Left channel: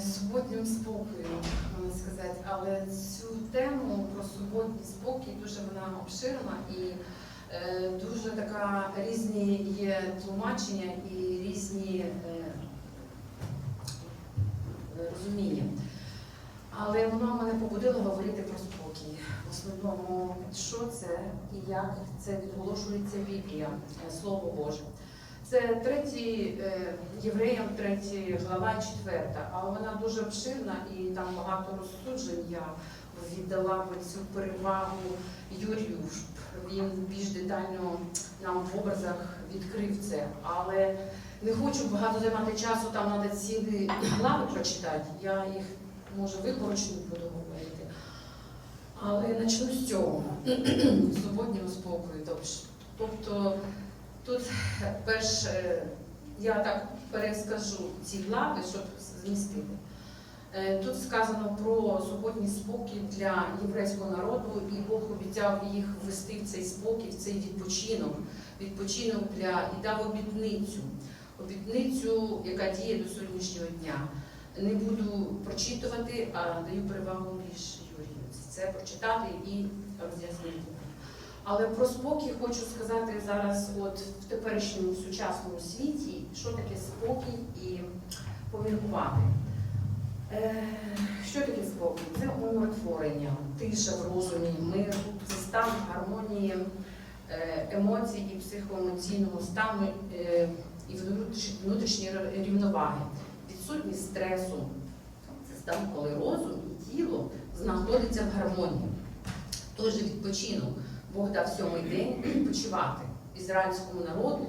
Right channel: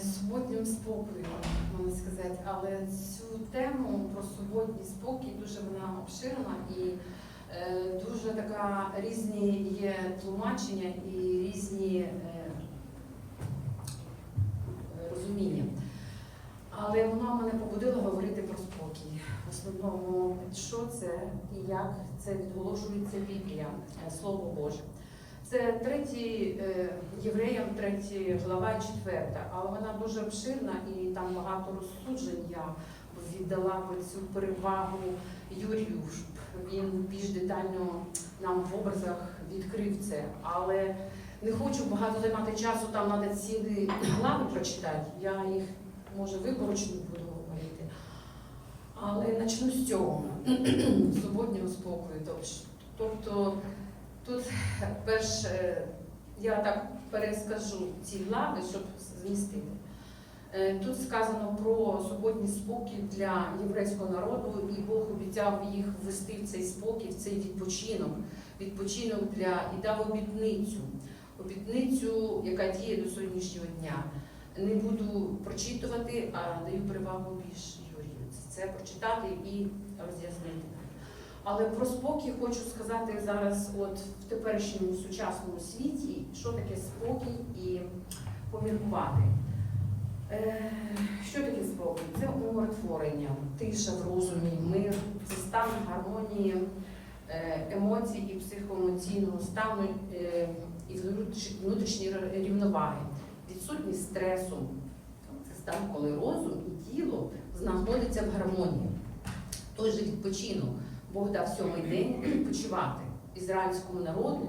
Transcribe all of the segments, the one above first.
суботнім спокоєм, можна сказати. Але цю тему про суботній спокій дуже вона обширна і е, дуже така різні є тлумачення і різні е, розуміння. Але воно мене побудило говорити про спокій. В основному, що це і як це відголошується Біблія, е, Слово Боже. Це третій е, євреям, третя глава, четверта, але вона дуже обширна і там багато розсуджень. Я віддала цю перевагу Юрію, щоб він більш детально нам в образах відкрив це. Але не хочу багато займати часу, там треба цілі глави прочитати. Я їх може виборочно буду говорити. Але почну з цього суботнього спокою. Тоб- Тобто тут перше, я так перескажу ці глави, щоб змістити. Е, Тут сказано про суботній спокій для єврейського народу, і Бог обіцяв їх ввести в цей спокій, в цей відпочинок, відпочинок для і дав обітницю, обітницю, яка діє до сьогоднішнього дня. Не буду прочитувати, а даю перевагу більш Юрію. Це прочитати і роз'яснити. Але про спокій хочу сказати зараз, от в теперішньому сучасному світі, що таке спокій і поміркувати. Е, Що таке спокій? Це умиротворення, тиша в розумі, мир, це стан гармонії е, емоцій і психоемоційного стану е, і внутріш- внутрішньої рівноваги, відсутність стресу. Це стан, коли розум і тіло знаходяться в гармонії. Той же відпочинок Бог дав сьомий день відпочивати ізраїльському народу.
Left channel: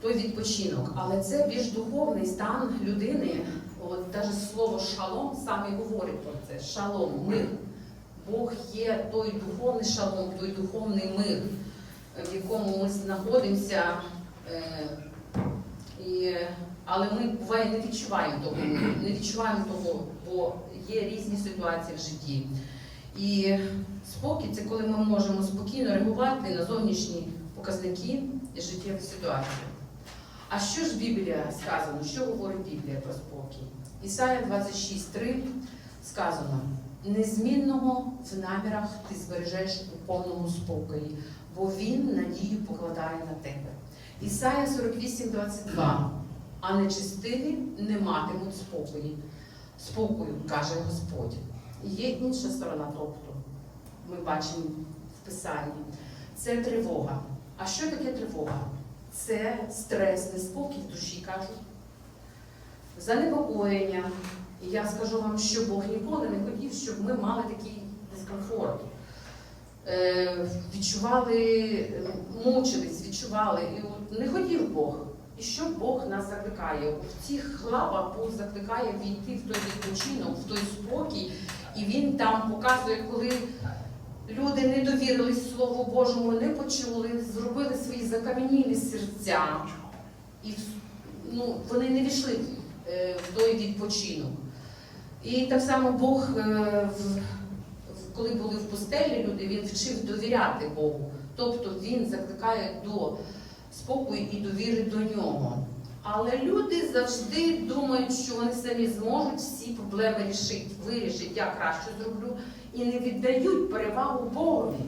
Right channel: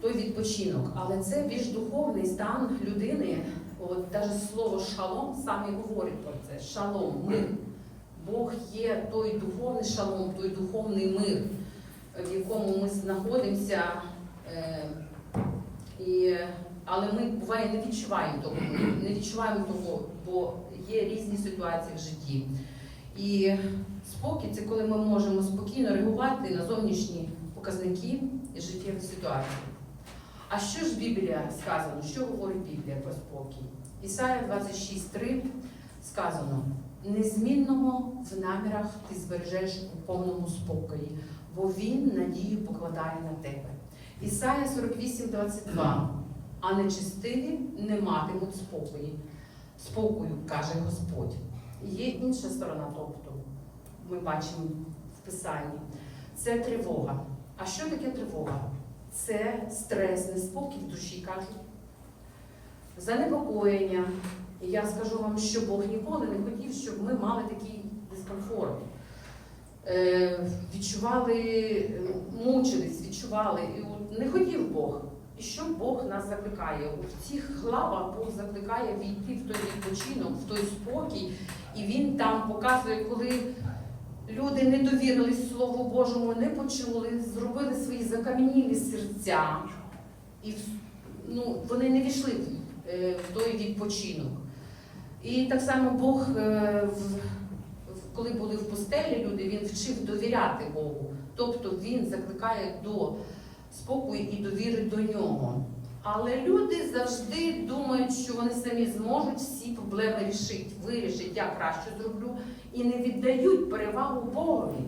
Той відпочинок, але це більш духовний стан людини. От навіть слово шалом саме говорить про це. Шалом, мир. Бог є той духовний шалом, той духовний мир, в якому ми знаходимося. Е, і, але ми буває не відчуваємо того, не відчуваємо того, бо є різні ситуації в житті. І спокій це коли ми можемо спокійно реагувати на зовнішні показники і життєві ситуації. А що ж Біблія сказано? Що говорить Біблія про спокій? Ісая 26.3 сказано: незмінного в намірах ти збережеш у повному спокої, бо він надію покладає на тебе. Ісая 48.22 а нечистиві не матимуть спокою. Спокою, каже Господь. Є інша сторона, тобто ми бачимо в Писанні. Це тривога. А що таке тривога? Це стрес, неспокій в душі кажуть. Занепокоєння. Я скажу вам, що Бог ніколи не хотів, щоб ми мали такий дискомфорт. Е, відчували, мучились, відчували. І Не хотів Бог. І що Бог нас закликає? В цих главах Бог закликає війти в той відпочинок, в той спокій, і Він там показує, коли люди не довірились Слову Божому, не почули, зробили свої закам'янілі серця, і ну, вони не війшли е, в той відпочинок. І так само Бог, е, коли були в пустелі люди, він вчив довіряти Богу. Тобто він закликає до спокою і довіри до нього. Але люди завжди думають, що вони самі зможуть всі проблеми рішити, вирішити, я краще зроблю, і не віддають перевагу Богові.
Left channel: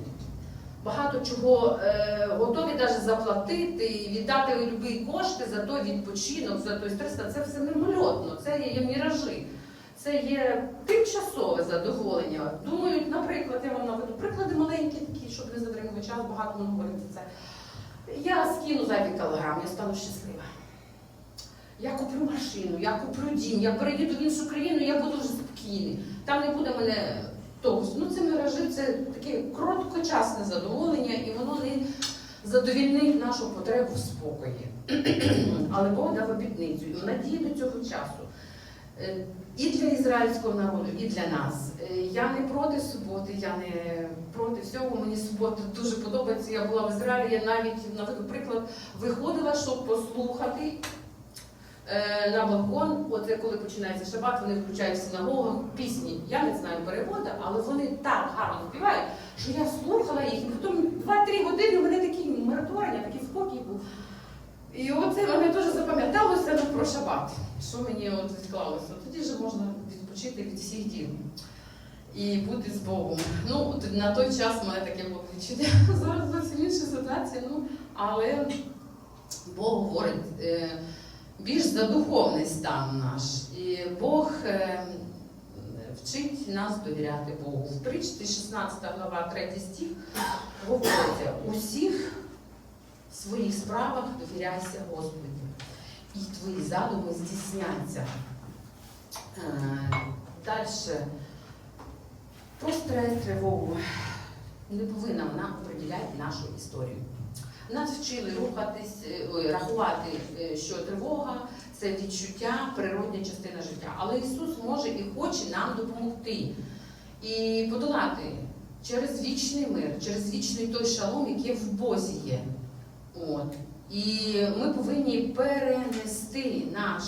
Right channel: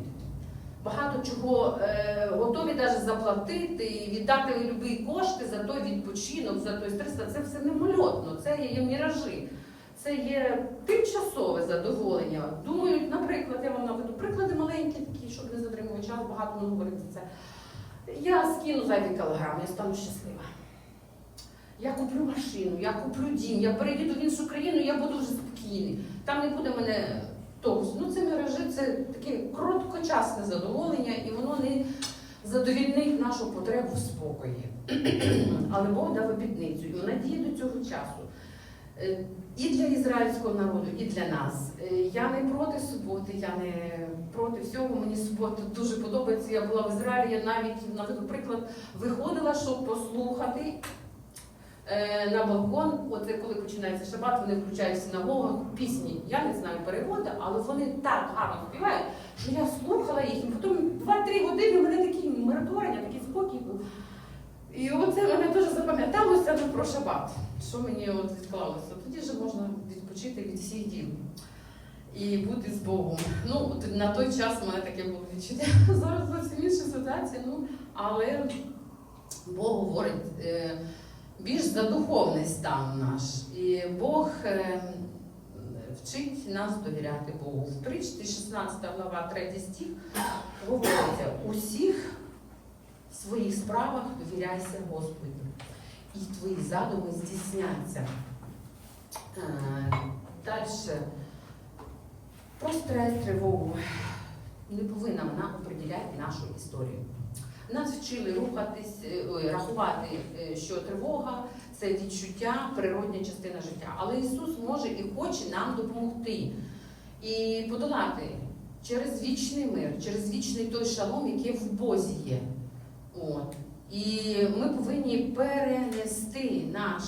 Багато чого е, готові навіть заплатити і віддати любі кошти за той відпочинок, за той стрес. Це все мимольотно, це є міражі. Це є тимчасове задоволення. Думають, наприклад, я вам наведу приклади маленькі, такі, щоб не затримувати час, багато не говорити це. Я скину зайвий кілограм, я стану щаслива. Я куплю машину, я куплю дім, я переїду в іншу країну, я буду вже спокійний. Там не буде мене того. Ну це міражі, це таке короткочасне задоволення, і воно не задовільнить нашу потребу в спокої. Але Бог дав обітницю, і вона діє до цього часу. Е, І для ізраїльського народу, і для нас. Е, Я не проти суботи, я не проти всього. Мені субота дуже подобається. Я була в Ізраїлі, я навіть наведу приклад виходила, щоб послухати на балкон. Оце коли починається шабат, вони включають в синагогах пісні. Я не знаю переводу, але вони так гарно співають, що я слухала їх, і потім 2-3 години у мене такі миротворення, такий спокій був. І оце мене дуже запам'яталося ну, про шабат, що мені от відклалося. Тоді вже можна відпочити від всіх діл і бути з Богом. Ну, от на той час у мене таке було відчуття. Зараз зовсім інша ситуація. Ну, але Бог говорить е, більш за духовний стан наш. І Бог е, вчить нас довіряти Богу. В притчі 16 глава, 3 стих говориться, усіх своїх справах довіряйся Господі, і твої задуми здійсняться. Е, Далі. Про тривогу не повинна вона оприділяти нашу історію. Нас вчили рухатись, е, рахувати, е, що тривога це відчуття, природня частина життя. Але Ісус може і хоче нам допомогти і подолати через вічний мир, через вічний той шалом, який в Бозі є. От. І ми повинні перенести наш,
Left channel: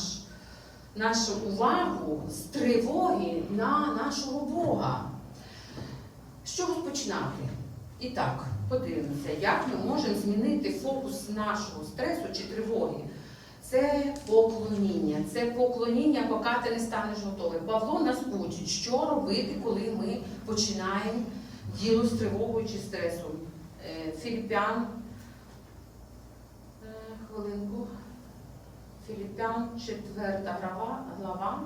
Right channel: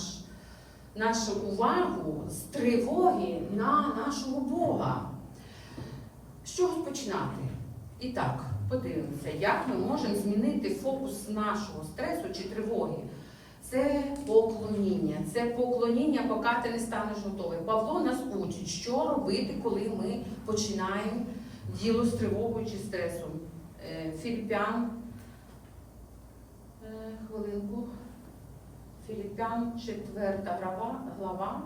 нашу увагу з тривоги на нашого Бога. З чого починати? І так, подивимося, як ми можемо змінити фокус нашого стресу чи тривоги. Це поклоніння. Це поклоніння, поки ти не станеш готовий. Павло нас учить, що робити, коли ми починаємо діло з тривогою чи стресом. Е, Філіппян. Е, Хвилинку. Філіппян, 4 глава, глава,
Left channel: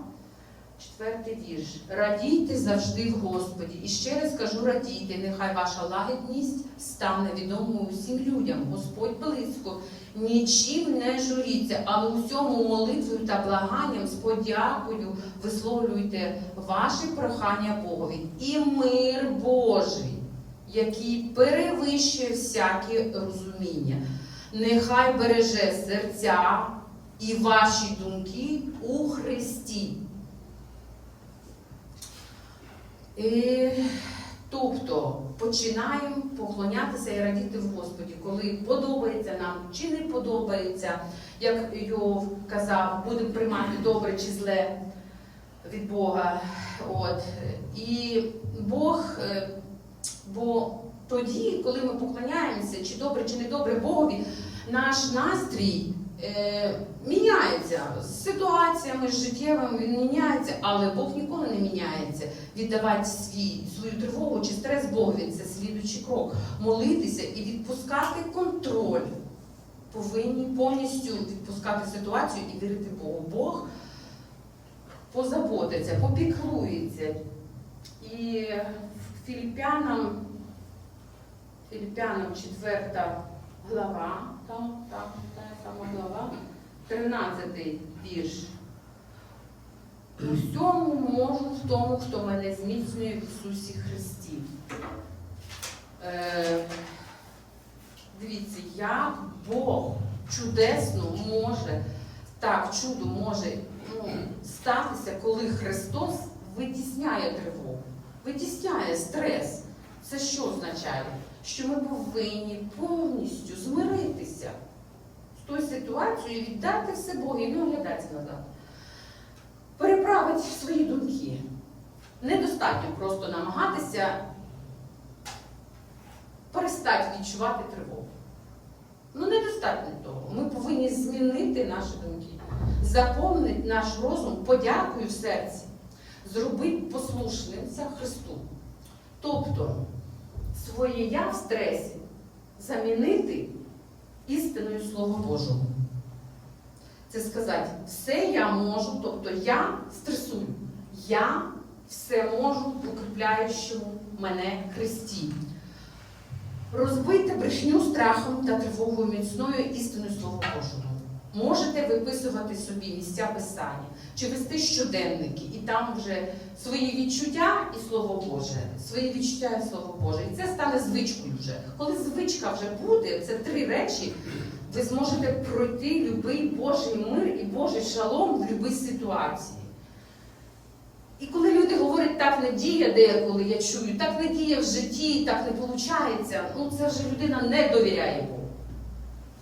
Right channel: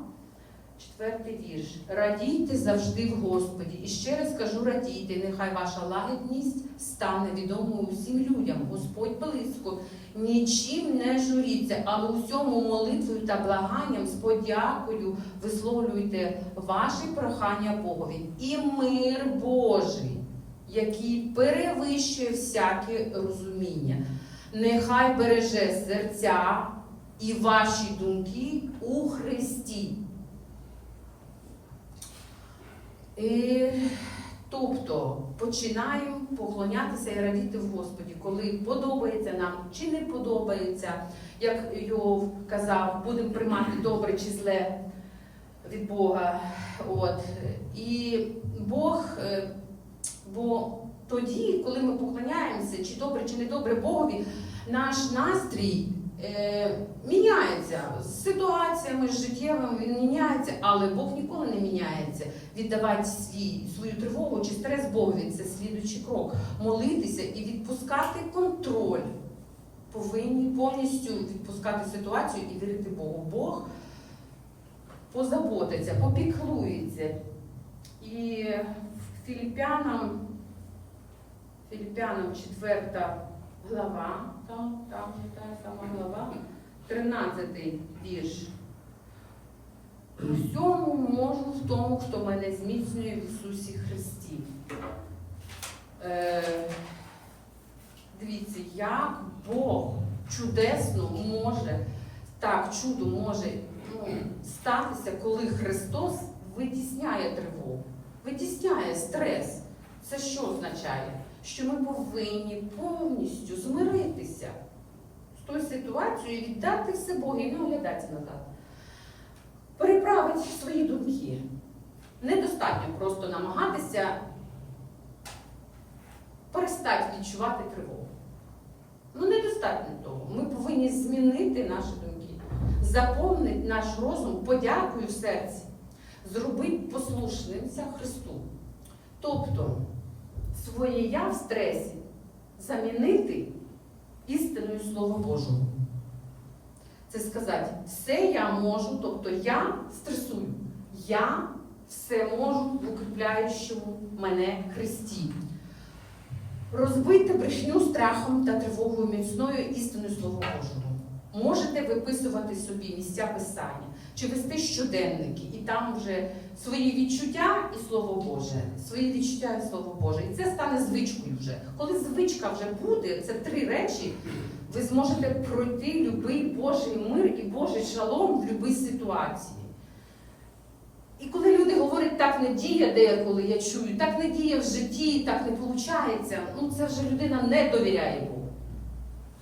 4 вірш. Радійте завжди в Господі. І ще раз кажу, радійте, нехай ваша лагідність стане відомою усім людям. Господь близько. Нічим не журіться, але усьому молитвою та благанням з подякою висловлюйте ваші прохання Богові. І мир Божий, який перевищує всяке розуміння, нехай береже серця і ваші думки у Христі. І, тобто починаємо поклонятися і радіти в Господі, коли подобається нам чи не подобається, як Йов казав, будемо приймати добре чи зле від Бога. От. І Бог, е, бо тоді, коли ми поклоняємося, чи добре, чи не добре Богові, наш настрій е, міняється з ситуаціями життєвими, він міняється, але Бог ніколи не міняється. Віддавати свій, свою тривогу чи стрес Богові це слідуючий крок. Молитися і відпускати контроль. Повинні повністю відпускати ситуацію і вірити Богу. Бог позаботиться, попіклується. І Філіппянам, Філіппянам 4 глава, там, там, та сама глава, 13 вірш. У всьому можу в тому, хто мене зміцнює в Ісусі Христі. Е, дивіться, як Бог чудесно може, так, чудо може ну, статися, коли Христос витісняє тривогу, витісняє стрес. Це що означає? Що ми повинні повністю змиритися з тою ситуацією і віддати все Богу і не оглядатися назад. Переправити свої думки. Недостатньо просто намагатися перестати відчувати тривогу. Ну, недостатньо того. Ми повинні змінити наші думки, заповнити наш розум подякою в серці, зробити послушним Христу. Тобто своє я в стресі замінити істиною Слова Божого. Це сказати, все я можу, тобто я стресую. Я все можу в укріпляючому мене Христі. Розбити брехню страхом та тривогою міцною істиною Слова Божого. Можете виписувати собі місця писання чи вести щоденники, і там вже свої відчуття і Слово Боже, свої відчуття і Слово Боже. І це стане звичкою вже. Коли звичка вже буде, це три речі, ви зможете пройти будь-який Божий мир і Божий шалом в будь-якій ситуації. І коли люди говорять, так не діє деколи, я чую, так не діє в житті, так не виходить, ну це вже людина не довіряє Богу.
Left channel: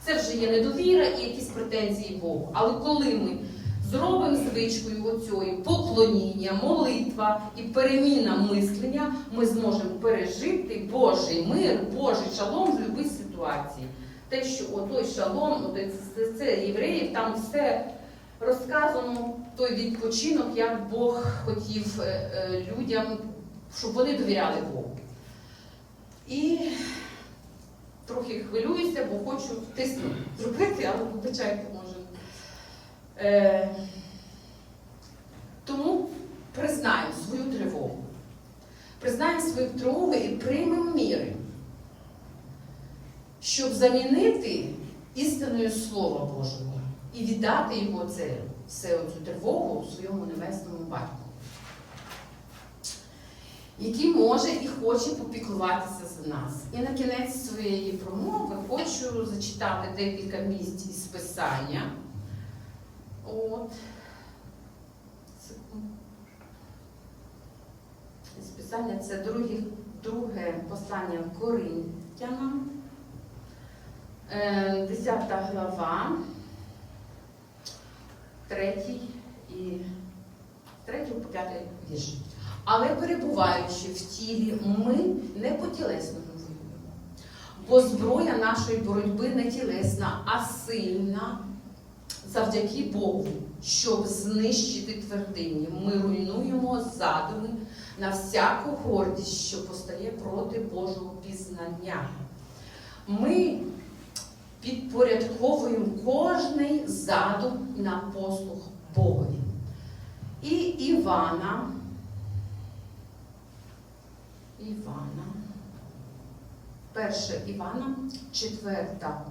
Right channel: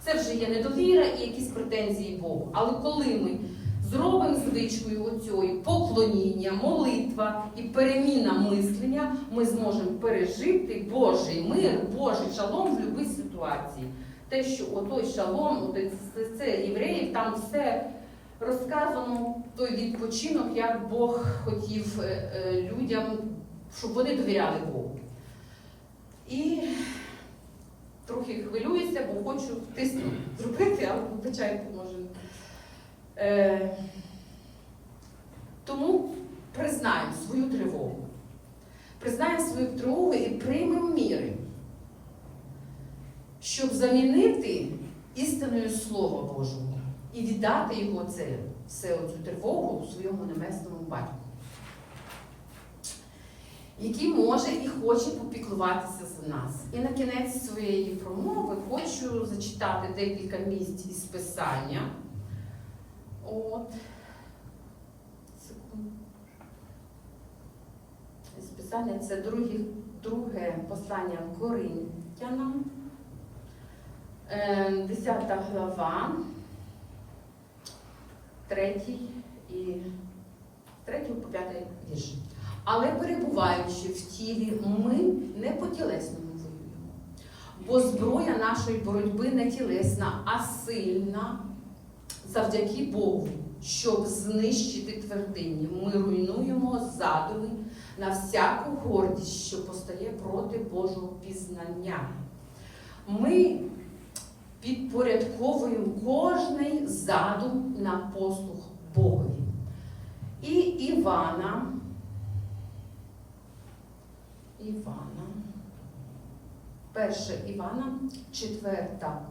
Це вже є недовіра і якісь претензії Богу. Але коли ми зробимо звичкою оцьої поклоніння, молитва і переміна мислення, ми зможемо пережити Божий мир, Божий шалом в будь-якій ситуації. Те, що отой шалом, це, це євреїв, там все розказано, той відпочинок, як Бог хотів е, е, людям, щоб вони довіряли Богу. І трохи хвилююся, бо хочу тисну зробити, але вибачайте, може. Е, тому признаємо свою тривогу. Признаємо свою тривогу і приймемо міри, щоб замінити істиною Слова Божого і віддати його це, все цю тривогу своєму небесному батьку, який може і хоче попіклуватися за нас. І на кінець своєї промови хочу зачитати декілька місць із Писання. От. Писання це друге, друге послання Коринтянам, 10 глава, третій і третій по п'ятий вірш. Але перебуваючи в тілі, ми не по тілесному воюємо. Бо зброя нашої боротьби не тілесна, а сильна завдяки Богу, щоб знищити твердині. Ми руйнуємо задуми на всяку гордість, що постає проти Божого пізнання. Ми підпорядковуємо кожний задум на послуг Богові. І Івана, Івана, перше Івана, четверта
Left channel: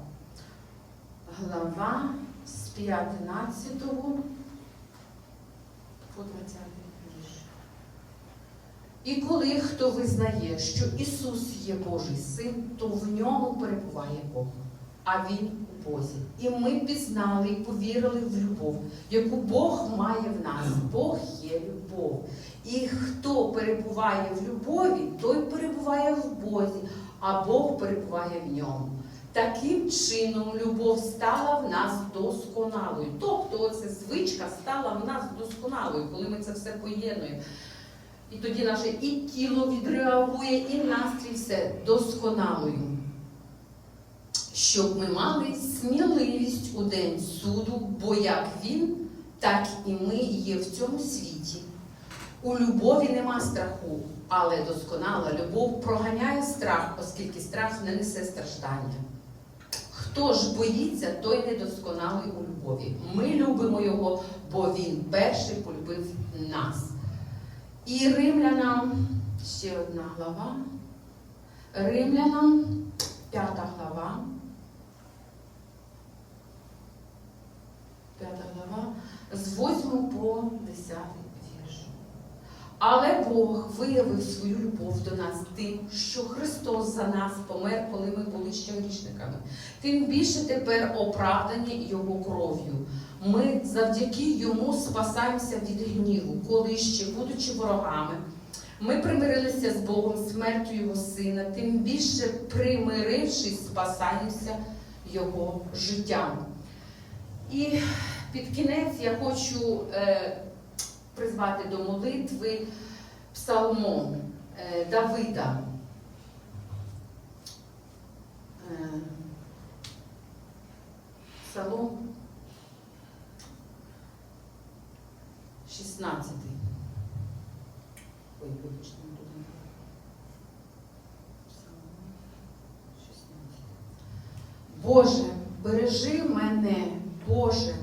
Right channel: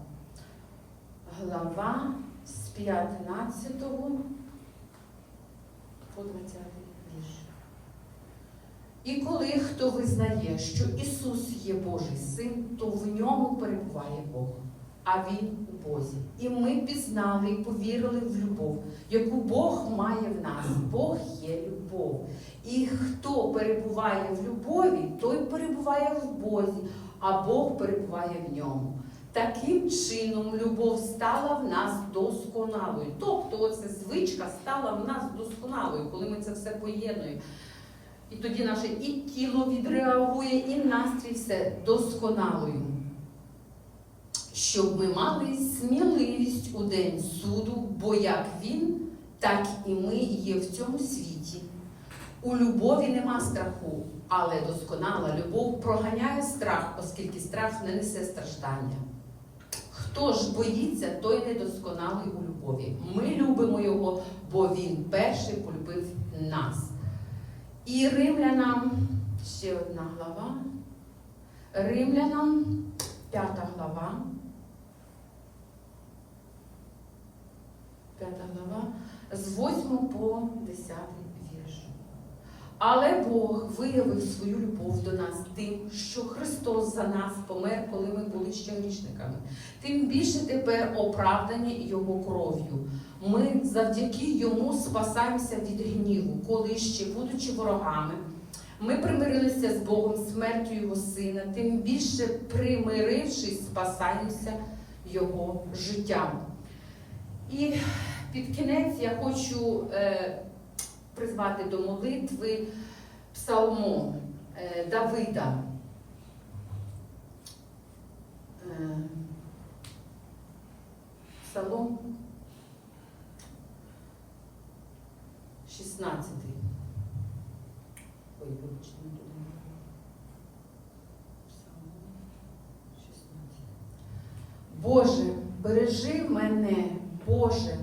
глава з 15 по 20 вірш. І коли хто визнає, що Ісус є Божий син, то в ньому перебуває Бог, а Він у Бозі. І ми пізнали і повірили в любов, яку Бог має в нас. Бог є любов. І хто перебуває в любові, той перебуває в Бозі, а Бог перебуває в ньому. Таким чином любов стала в нас досконалою. Тобто оця звичка стала в нас досконалою, коли ми це все поєднуємо. І тоді наше і тіло відреагує, і настрій все досконалою. Щоб ми мали сміливість у день суду, бо як він, так і ми є в цьому світі. У любові нема страху, але досконала любов проганяє страх, оскільки страх не несе страждання. Хто ж боїться, той недосконалий у любові. Ми любимо його, бо він перший полюбив нас. І римлянам ще одна глава. Римлянам, п'ята глава. П'ята глава, з 8 по 10 вірш. Але Бог виявив свою любов до нас тим, що Христос за нас помер, коли ми були ще грішниками. Тим більше тепер оправдані Його кров'ю. Ми завдяки йому спасаємося від гніву, коли ще, будучи ворогами, ми примирилися з Богом смертю Його Сина, тим більше примирившись, спасаємося Його життям. І під кінець я хочу е, призвати до молитви псалмом е, Давида. Е, Псалом 16. Ой, вибачте, не туди. Псалом 16. Боже, бережи мене, Боже,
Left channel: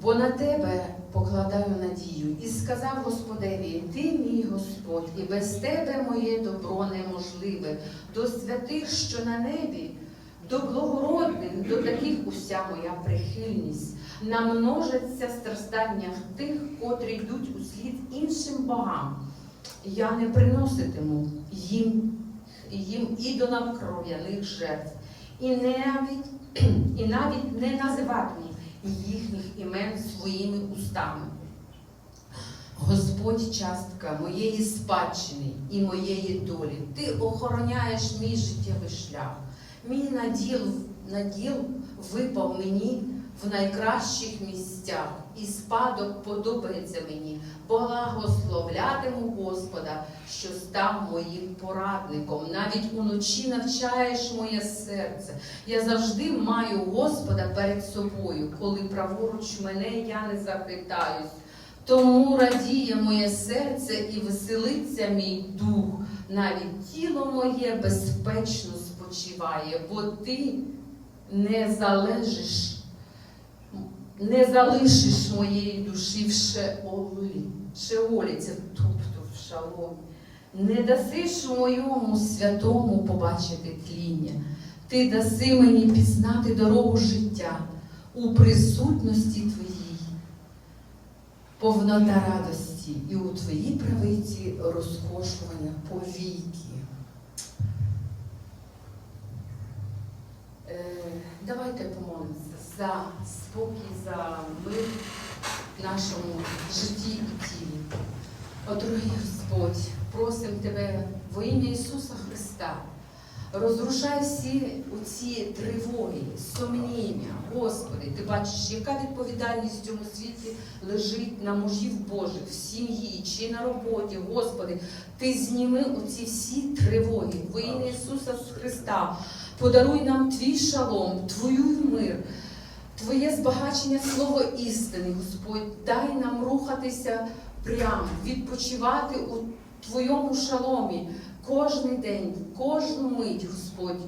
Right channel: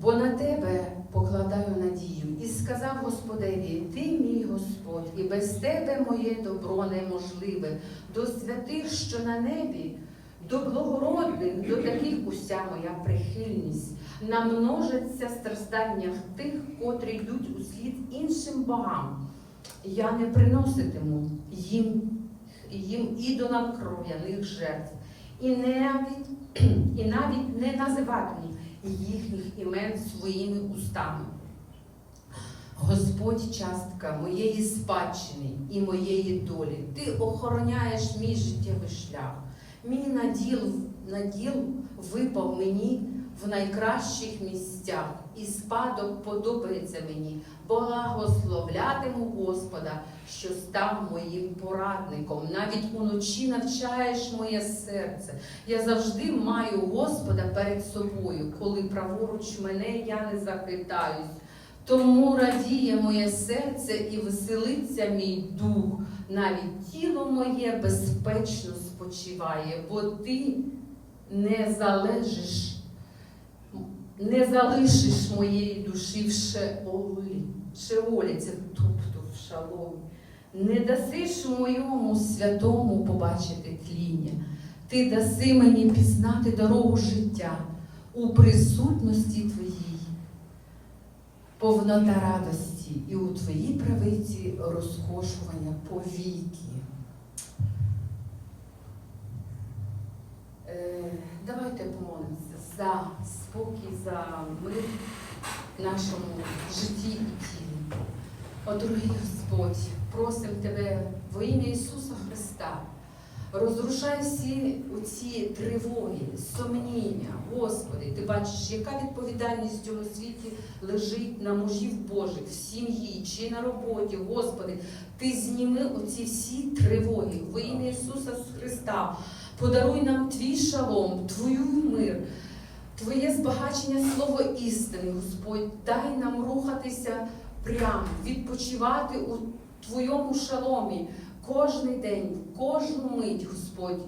бо на тебе покладаю надію. І сказав Господеві, ти мій Господь, і без тебе моє добро неможливе, до святих, що на небі, до благородних, до таких уся моя прихильність. Намножаться страждання в тих, котрі йдуть у слід іншим богам. Я не приноситиму їм, їм ідолам кров'яних жертв, і навіть, і навіть не називатиму їхніх імен своїми устами. Господь частка моєї спадщини і моєї долі. Ти охороняєш мій життєвий шлях. Мій наділ, наділ випав мені в найкращих місцях, і спадок подобається мені. Благословлятиму Господа, що став моїм порадником. Навіть уночі навчаєш моє серце. Я завжди маю Господа перед собою, коли праворуч мене я не захитаюсь. Тому радіє моє серце і веселиться мій дух, навіть тіло моє безпечно спочиває, бо ти не залежиш, не залишиш моєї душі в шеолі, шеолі, це тобто в шаломі. Не дасиш моєму святому побачити тління. Ти даси мені пізнати дорогу життя у присутності твоїй повнота радості і у твоїй правиці розкошування повіки. Е, давайте помолимося за спокій, за мир в нашому житті і тілі. О, дорогий Господь, просимо Тебе во ім'я Ісуса Христа. Розрушай всі оці тривоги, сумніння, Господи, ти бачиш, яка відповідальність в цьому світі лежить на мужів Божих, в сім'ї чи на роботі. Господи, ти зніми оці всі тривоги во ім'я Ісуса Христа. Подаруй нам твій шалом, твою мир, Твоє збагачення слово істини, Господь. Дай нам рухатися прямо, відпочивати у Твоєму шаломі кожний день, кожну мить, Господь.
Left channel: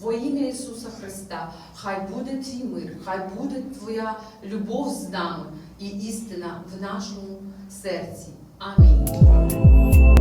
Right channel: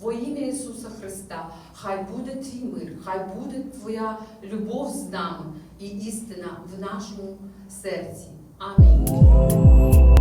Во ім'я Ісуса Христа, хай буде твій мир, хай буде Твоя любов з нами і істина в нашому серці. Амінь.